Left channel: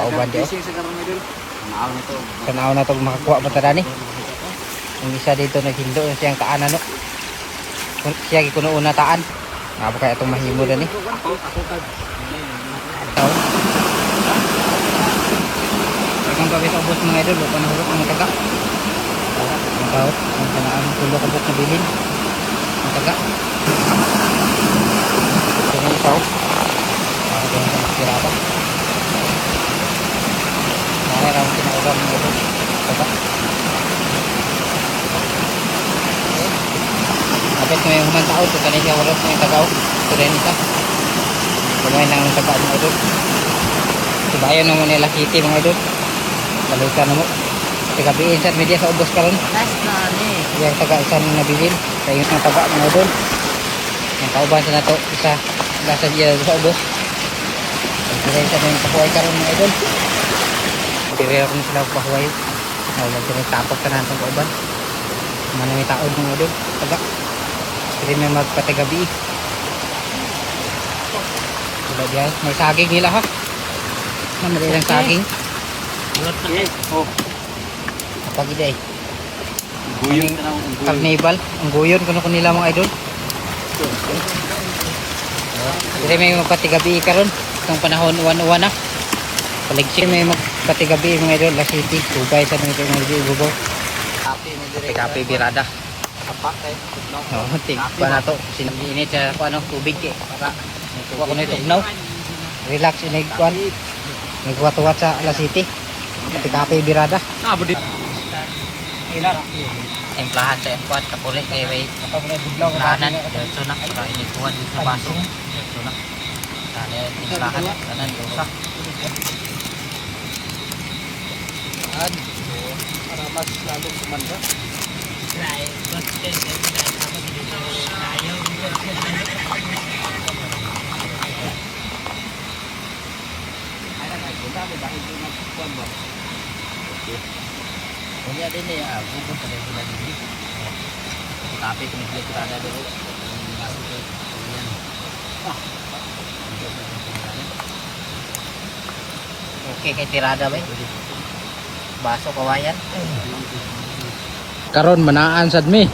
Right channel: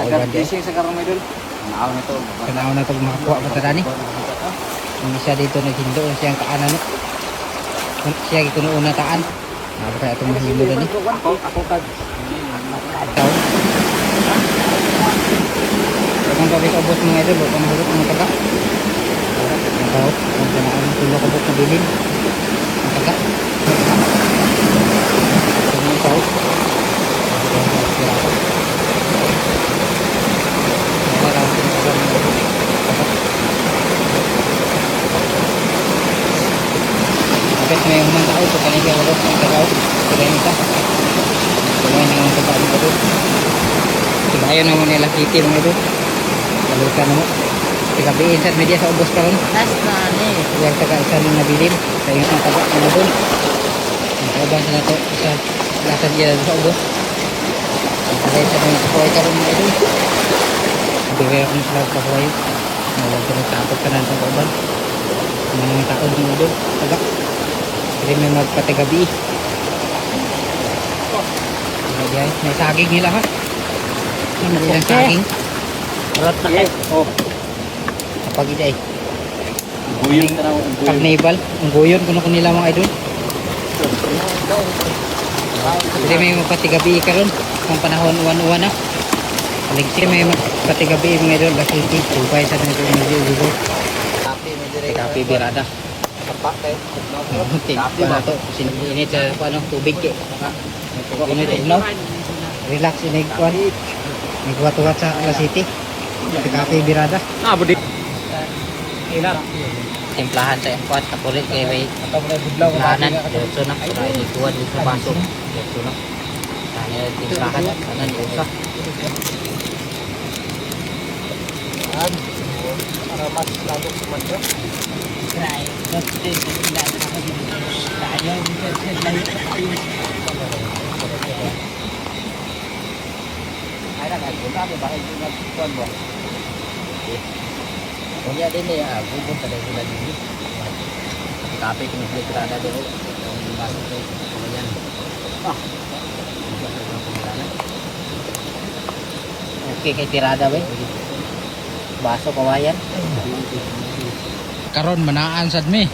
Kauban dyan. Sa karon mo idol. Naaw na to. Kanaon na ito makakuha pa tada ni. Ang isa dito naghindo siyang kaanan no. Siya gikuno una taan. Napaka itong mahimo na ni. Ako kag. Kung kami ubos mga idol, huwag ka mahulog ang mataga. Ang tawag, kung kanaan ang pinakabot na bilin. Mataga. Ito na yung tawag. Dapat may unang tao, pagka hindi walot ang tao. Kaya nita. Kumay nang taga mga idol. Ayaw naman nila kiti mga idol. Lalukan mo. Tagabiin sa media sa ubos ka ron. Last na ni. Yang taga-isan na bilin. Kaya yung taba ng ubos. Ang kauban sa nato. Isa. Lasan niya sa ubos. Kaya sa mga kapoy ka ron mga idol. Bigay akong sila pahuwayo. Tapos ka na sa kauban. Mga taon mga idol. Taga. Hindi may magpatagabi. May saging nila ha. Ano rin ang saging? Rot na kay. Oh. Pagi day. Guyon na ako guyon. Carnival. Ang guyon kuno ko nila mga idol. Hindi may magpatigabi ka ron. Ang panahon uwan-uwan na. Ligsi may magpatigabi mga idol. Kasi tubay sa mga medyo. Kape mo dire. Kape birada. Apa kay. Kape na to. Sinag-init sa tubig eh. Init no. Relax inig kuan. Nagwat-wat sa City. Sa Kape birada. Ah, budi. Ilan? Timplahan sa kuan kapulit kay may Budlaw kanan. Diretso na. Ay kuan dito masok. Diretso na. Timplahan kanan usa. An. Mas lago kumanda. Right. Mas din sa tayo. Ay na kay kita ba dahil ingat kuan ba. Kunya din ni bubon ta dai sila dili. Tapi kung hindi kita ada dai masuk ke kumayan. Ah. Okay kay tirada ba? Baso kawayan. Karon manaan sad mi.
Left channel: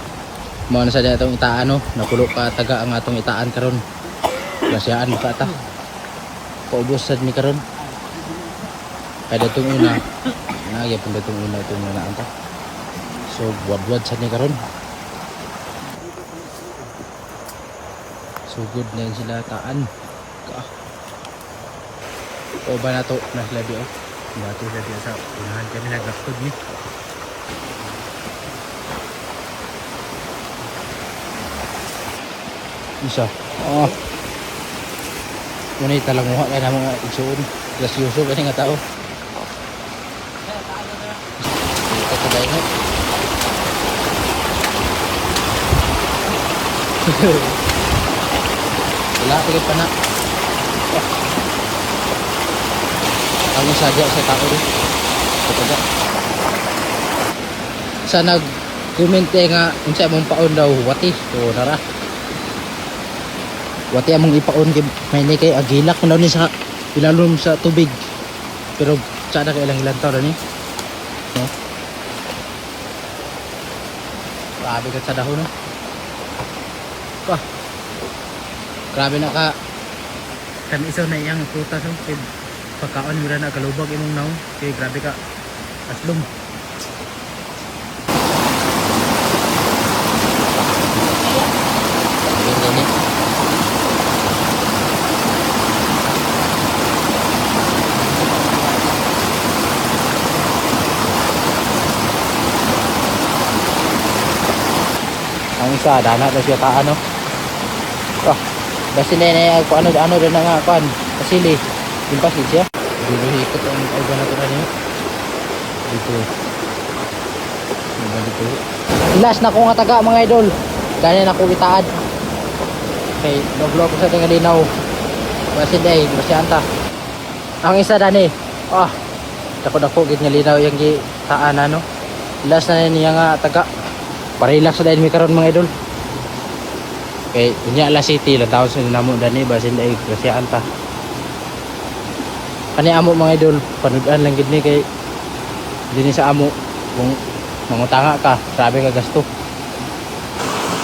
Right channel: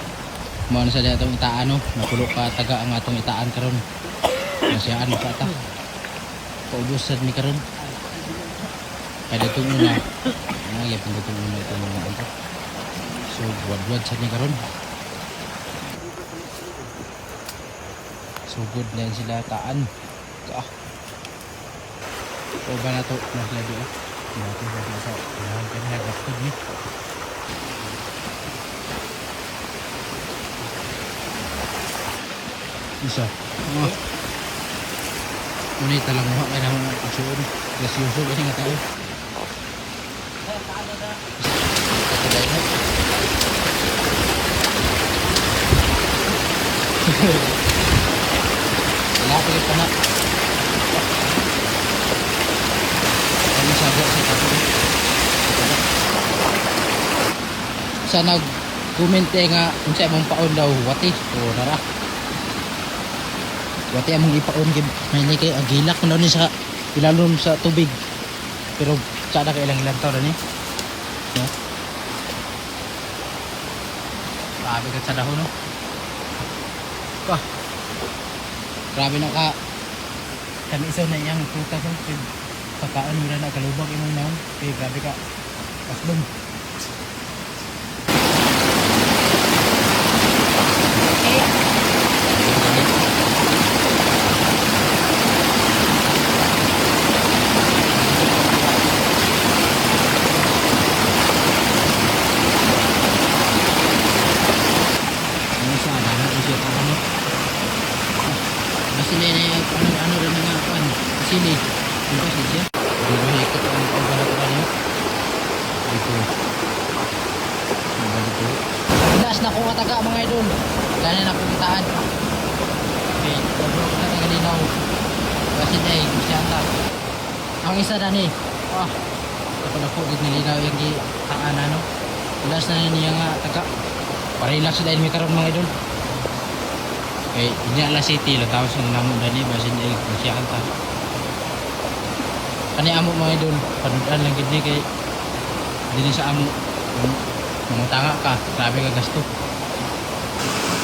Mao na sad atong itaan no, napulo pa taga ang atong itaan karon. Kasiyaan ka ta. Paubos sad mi karon. Kada tong una. Nagay pud tong una itong mga anta. So wad-wad sad ni karon. So good na yun sila taan. O ba na to na sila di oh. Dati sa unahan kami nagapod ni. Isa. Oh. Ini talaga mo na mga isuon. Grasyoso ba nga tao? Ito to dai no. Wala pilit pa na. Ano saga sa tao rin? Ito sa nag-comment nga unsa mong paon daw wati o nara wati among ipaon may kayo agilak na ni sa ilalom sa tubig pero sana ka ilang taon ni no? Grabe ka sa dahon no? Grabe na ka kan isaw na iyang prutas no? Pagkaon mo na kalubag imong naong kaya grabe ka aslong ang isa dama na siya taan no basta na ano rin na nga kan kasili yung pasti siya dito ikot ang organ natin na niyo dito ilas na ko nga taga mga idol dahil na ko itaad okay nag-vlog ko sa tinga linaw kasi day kasi anta ang isa dani dako gid nga linaw yung gitaan ano ilas na niya nga taga parilas sa dahil may karon mga idol okay ini ala city la tao sa ginamo dani basin day kasi anta Kani amo mga idol, panudan lang gud ni kay dini sa amo yung nangutanga ka, grabe ka gasto.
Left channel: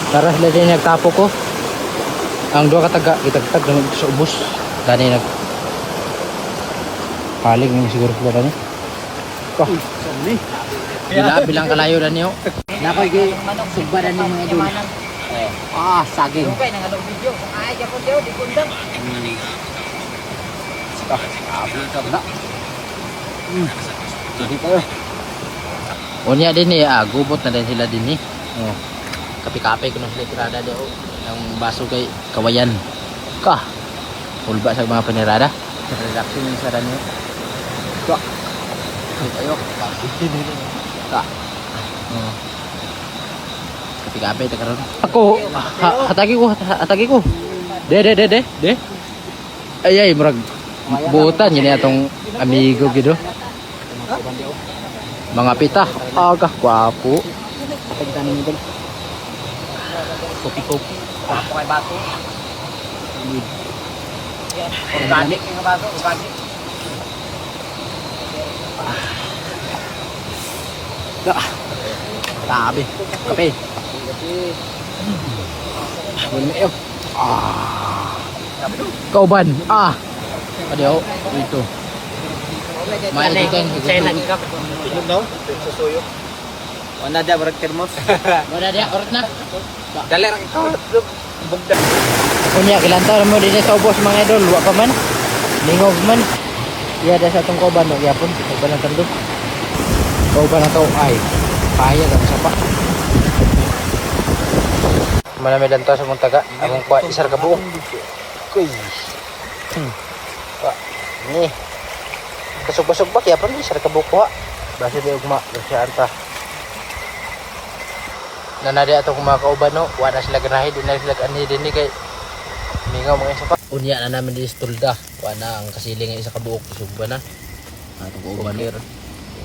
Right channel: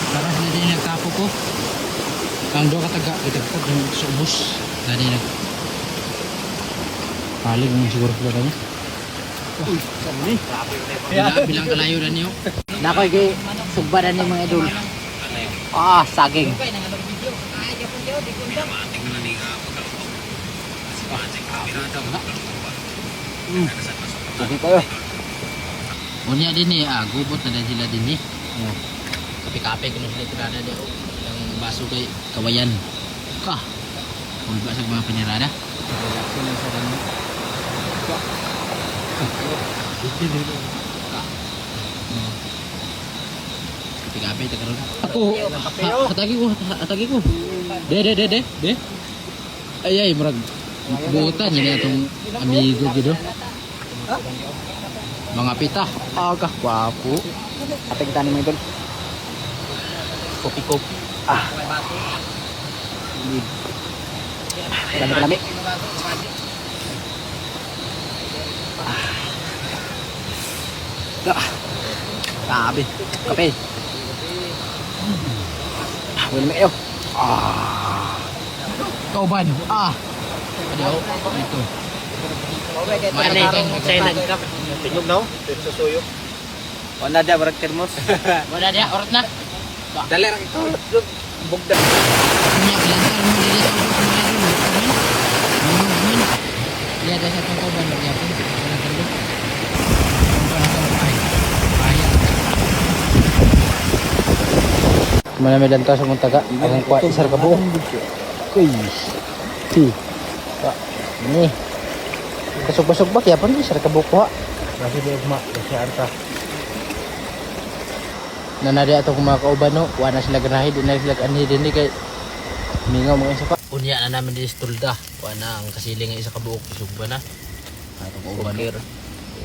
Para sila din nagtapo ko. Ang duha ka taga itagtag naman sa ubos. Dani nag paling yung siguro pala ni. Oh, bilang kalayo na niyo. Nakoy kay sugbadan ni mga idol. Ah, saging. Okay nang anong video. Ay ka pud di kundang. Sige pa. Unya din eh, gubot na din sila din eh. Oh. Kape-kape kuno sila tirada daw. Ilang baso kay kawayan. Ka. Ulba sa mga panirada. Relaxing ng saran niyo. Ka. Ayo. Ka. Oh. Kape-kape ta karon. Ako, atagi ko. De. Ay murag buutan yun atong amigo gido. Mga pita, aga kwapo. Atay kita ni idol. Kopi. May baso. Need. Lamit ng baso, ibagi. Tabi. Kape. Wala Kauban. Adiyo ito. May ito kan. Pinog no? Susuyo. Wala dia berak termos. Wala dia orat na. Dali ra ikaw. Bugda. Kunya ilantaw mo dito sa ubos mga idol, wa pa man. Lingog man. Ya sa atong kauban mo gyapon, wala kan din. Kauban na to ay. Paya lang sa pa. Mana may lantaw sa Muntaga. Ang kwa isar ka buo. Ini. Busog-busog ba kaya pa isar ka buo kuha. Basta di ugma kasi anta. Nanari atong mga kauban no, wala sila ganahe, di na sila anhi din kay mingaw mga isa pa. Unya na namin di stulda, wala ang kasiling nga isa ka buok isugba na. Atong kauban no.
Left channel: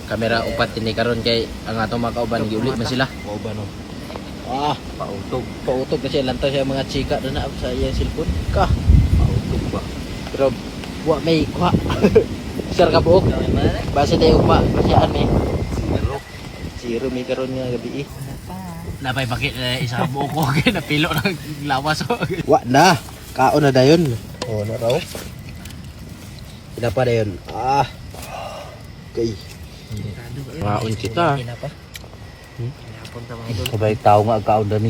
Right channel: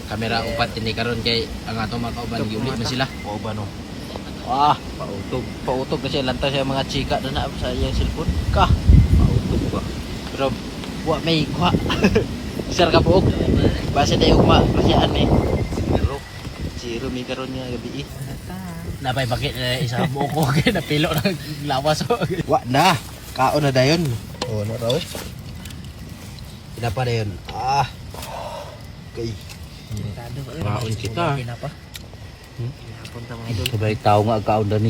Kamera upat ini karon kay ang atong mga kauban giuli man sila. Kauban no. Pautog kasi lantaw siya mga chika doon na sa iyang cellphone. Ka, pautog ba? Pero wa may kuha. Sir ka buok. Basta tayo ugma kasi ani. Zero mi karon nga gabi. Napay bakit isa ka buok ko kay napilo ng lawas. Wa na. Kaon na dayon. Oh, na raw. Pinapa dayon. Okay. Kaon kita. Pinapa. Sabay tao nga kaon dani.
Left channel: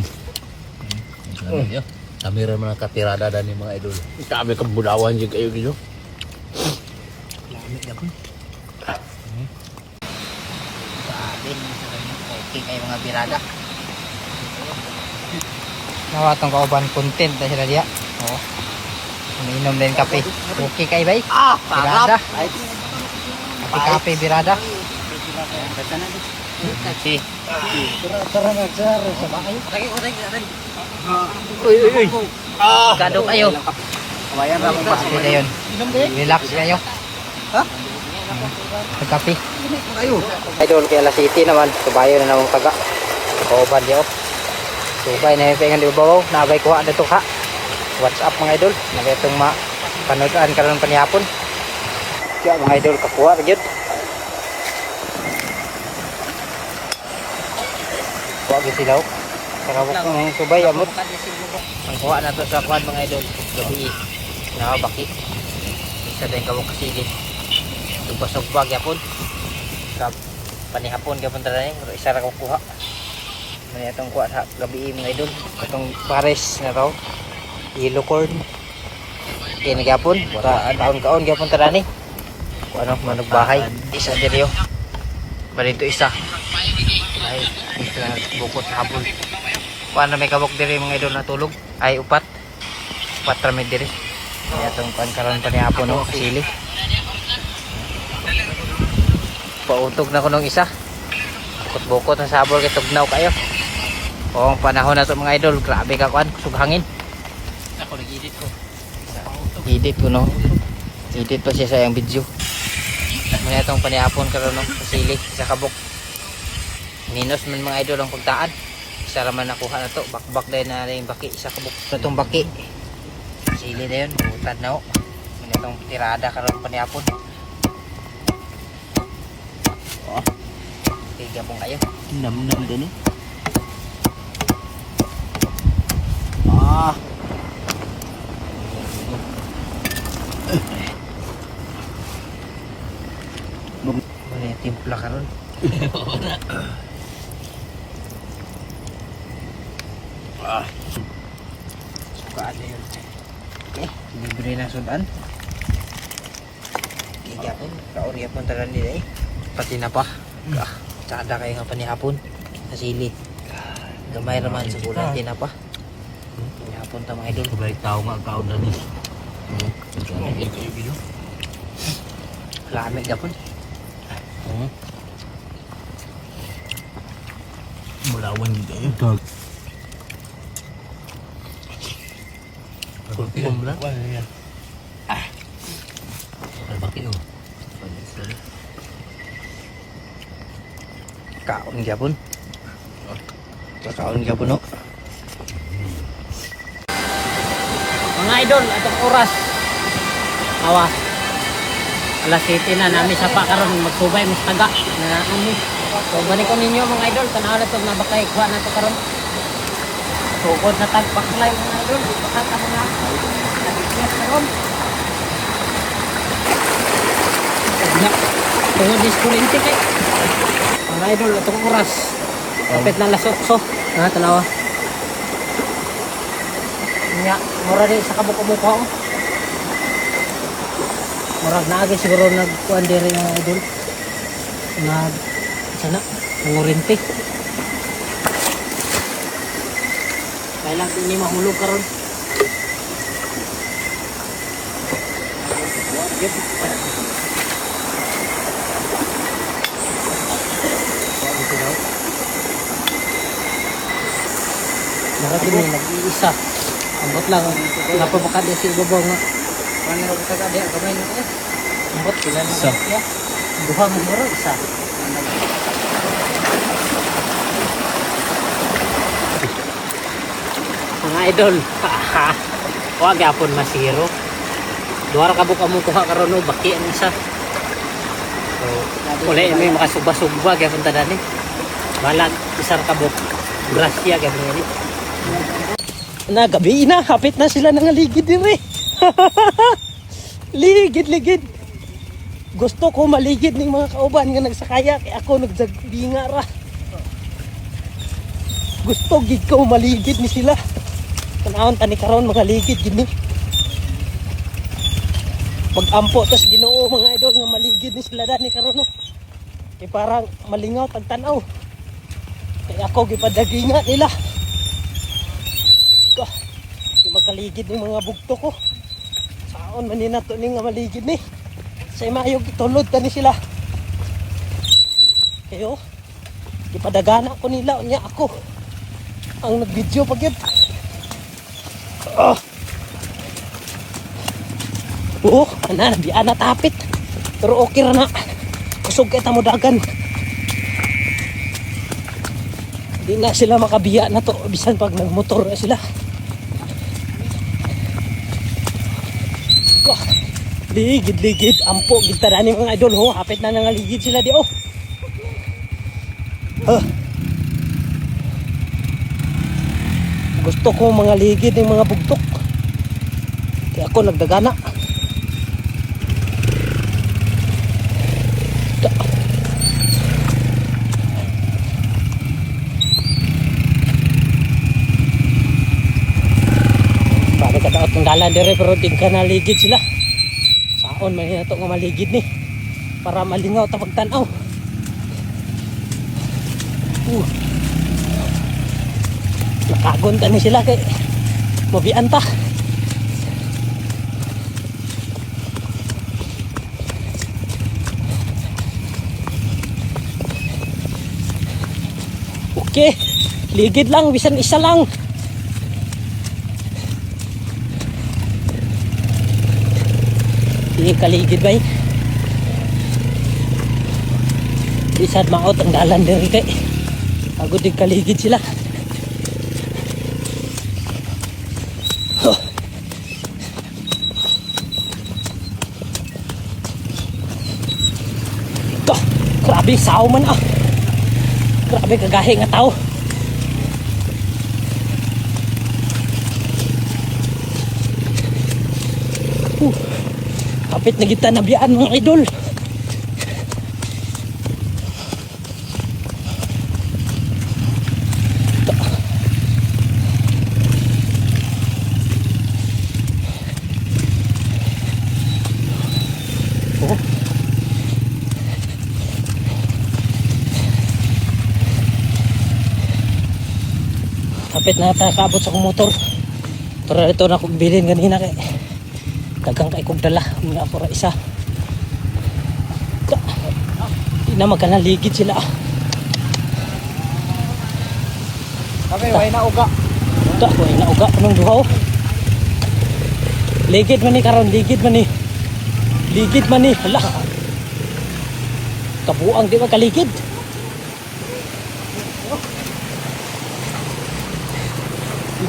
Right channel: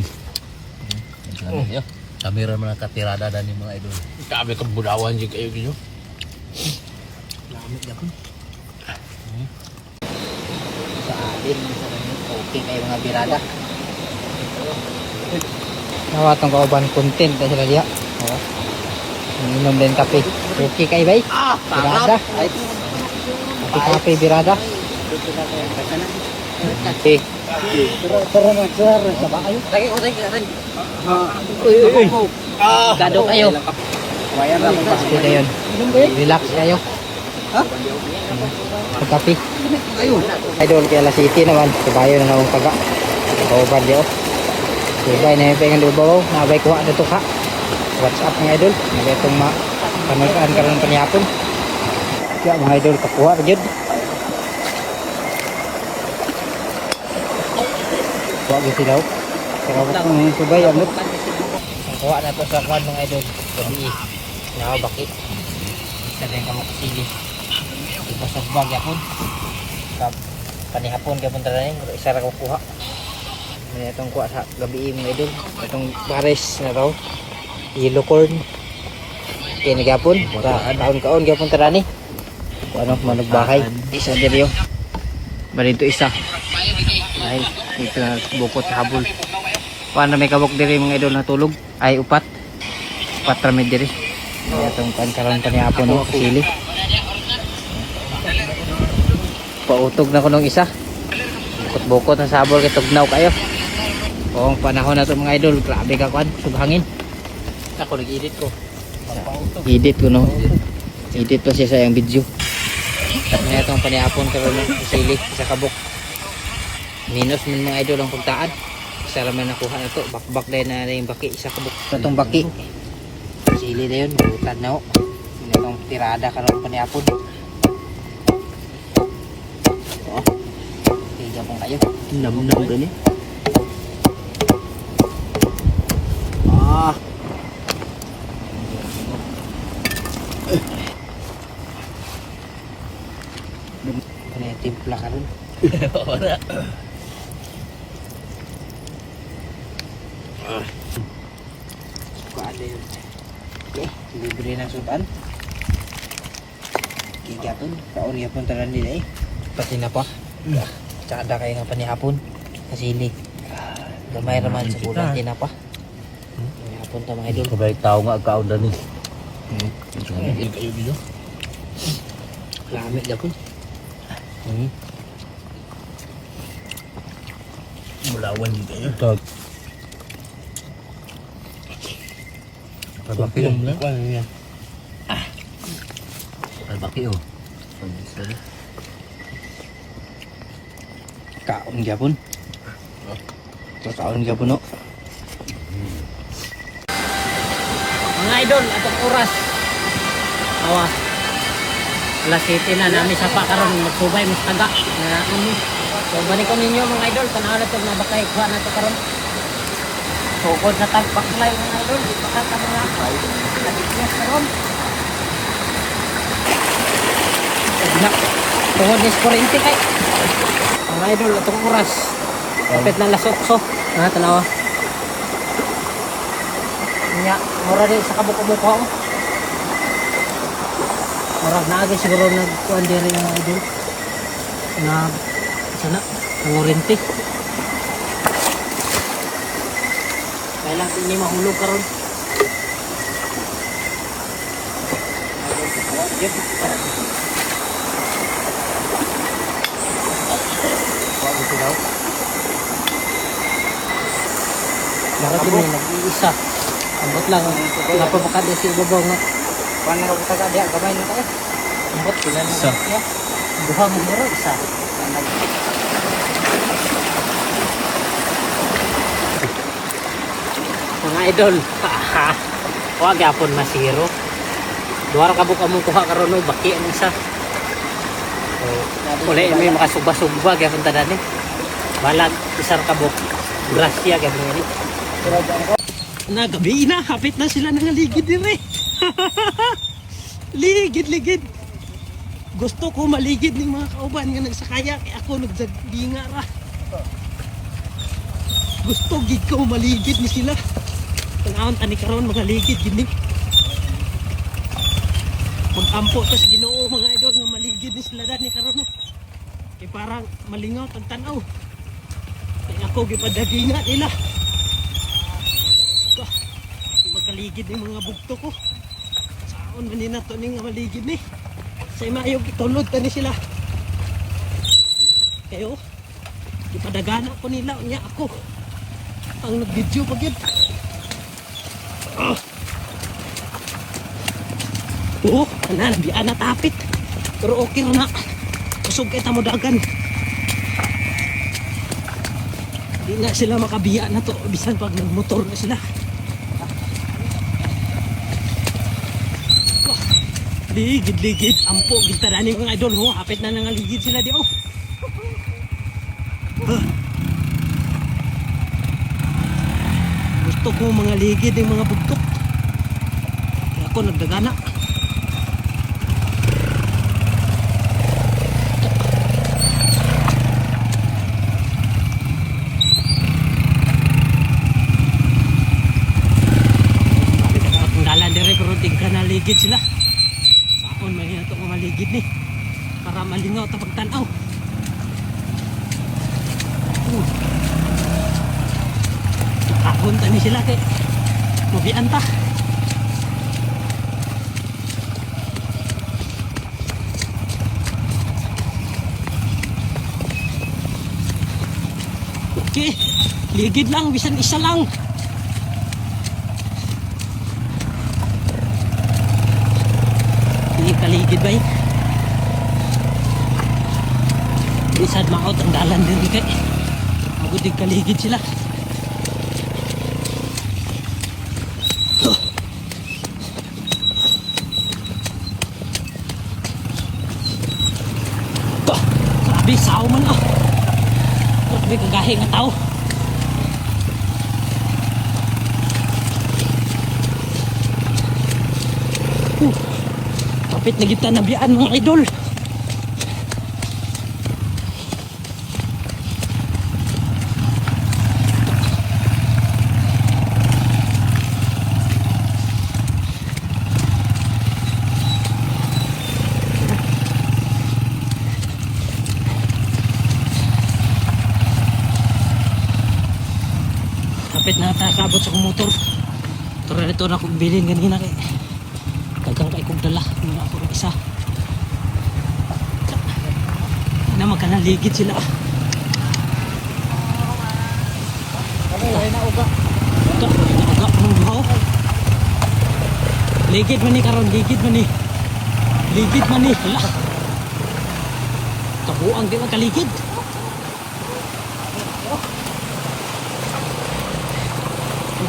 Kamera man katirada dani mga idol. Kami kabudawan jud kayo gido. Lamig gyapon. Kain sa dani okay kay mga birada. Nawatong kauban content na sila diya. Inom din kape. Okay kay bay. Sarap. Kape birada. Okay. Tara na sir, sabay kayo. Lagi. Uy. Gado kayo. Kawayan ra mong pasko na yun. Relax kayo. Ha? Kape. Ayo. Idol kay alas 7 naman. Kabayo na ang taga. Kauban diyo. Sabay na yung pengen dibo. Nabay kuha na ito ka. What's up mga idol? Nabay itong kanutaan ka ng panihapon. Kaya mga idol kakuha yun. Lagi silaw. Pero lang mga subay ang kuha na ito sa kuhan mga idol. Gabi. Nakabaki. Isa din kawang kasili. Tugbasog-bag yapon. Panihapon kapon talaga yun. Isa lang kuha. May itong kuha sa gabi mga idol. Itong pares na raw. Yellow corn. Okay na gapon. Kaon-kaon gapon tarani. Ano po nagbahay. Isa din yun. Balito isa. Ay, dito na bukot sa habol. Paano may kabok diri mga idol na tulog? Ay upat. Upat ramid diri. Kaya itong pansalan pa ni hapon o sili. Pautog na ko nung isa. Bukot na sa habol kay tugnaw kayo. Kung panahon na ito mga idol, grabe ka kan, sughangin. Ako nag-edit ko. Edit ko no. Edit pa siya sa yung video. Kaya itong panihapon karon ng sili sa kabuk. Minus man mga idol ang pagtaan. Isa raman nakuha na to. Bakbak dahil na yung baki. Isa kabuk. Itong baki. Sili na yun. Butan na o. Itong tirada karon panihapon. Oh. Kaya pong kayo. Nam-nam din eh. Ah. Muna timpla karon. Sukaan na yun. Okay, libre na sudan. Kikapon, kaon yapon taran nila eh. Pati na pa. Tsaka da kayo nga panihapon. Nasili. Gamay raman sa bulan tinapa. Panihapon ta mga idol. Kabaik tao nga kaon dan ni. Yan kayo bilo. Lamig yapon. Mulawan din kayo. Tag. Kalbaki lang. Ano yan? Kalbaki oh. Kaon yapon. Kakaon yapon no. Mga idol, atong oras. Awa. Alas 7 na namin sa pakaron magsubay mas taga na ano. So balik ko ninyo mga idol, tanaw na to na bakay kuha na to karon. Sukod sa tagpaklay mga idol, baka ta mga yes karon. Na. Tungod ni Sporente kay. Mga idol, atong oras. Kapit na alas 8. Tanawa. Nya, mura din sa kabuko-buko. Murag na agad siguro nagkuhan din yung idol. Sana, nangurinti. Kailang ini mahulog karon. Yep. Ito daw. Marami din nag-iisa. Ambot lang. Napapakad din si Ibabaw nga. Paano na kita ka diya? Gamay na tayo. Ambot sila na. Isa. Duha mo mero isa. Mga idol. Huwag yapon masiro. Duha ka buka mo kuha karon no baki ang isa. So, uli may makasugba-sugba gyapon ta dani. Balag isar ka buk. Grasya gyapon ni. Na gabi na kapit na sila nangaligid dire. Ligid. Gusto ko maligid ning mga kauban nga nagsakaya kay ako nagdagbinga ra. Gusto gid ko maligid ni sila. Tanawon tani karon magaligid gid ni. Mag-ampo tas Ginoo mga idol nga maligid ni sila dani karon no. Kay parang malingaw tagtanaw. Kay ako gipadaginga nila. Di makaligid ning mga bugto ko. Saon man ni nato ning nga maligid ni. Sa imayog itulod tani sila. Kayo. Ipadagana ko nila nya ako. Ang nag-video pag yun. Nabiyan na tapit. Pero okay ra na. Usog kita mo dagan. Di na sila makabiya na to. Bisan pag nagmotor na sila. Ligid. Ampo. Gintadani mga idol. Ho. Hapit na nangaligid sila di. Gusto ko mga ligid ng mga bugtok. Kaya ako nagdagana. Bakit ka dapat panggalan dire pero di ka naligid sila. Saon man ito nga maligid ni. Para malingaw ta pagtanaw. Nakagunta ni sila kay mabian ta. Okay, ligid lang, bisan isa lang. Hindi kaligid ba yun? Bisan maot ang dalan din kay agad di kaligid sila. Grabe, sao man ah. Grabe, kagahi nga tao. Kapit na kita nabiyaan mga idol. Kapit na nakabot sa akong motor. Pero ito na kong bilhin ganina kay kagang kay kong dala. Hindi ako ra isa. Hindi na magkanaligid sila. Okay, way na uga. Ito, wala na uga anong duhaw. Ligid man ni karon, ligid man ni. Ligid man ni. Hala. Kabuang di magkaligid.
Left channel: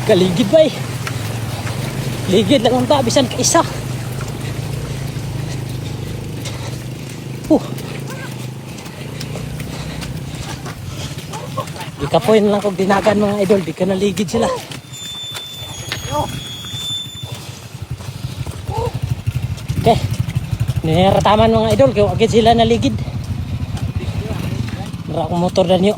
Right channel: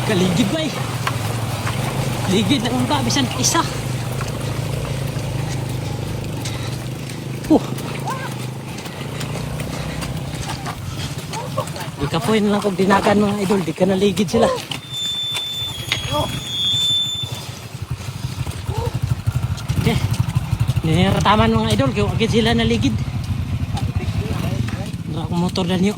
Kaligid ba eh. Ligid lang ang bisan ka isa. Di ka po yun lang kung dinagan mga idol. Di ka naligid sila. Okay. Nirataman mga idol. Kaya agad sila naligid. Nara akong motor na niyo.